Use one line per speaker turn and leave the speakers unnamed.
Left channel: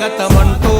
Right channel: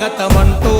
స్వాగతమంటూ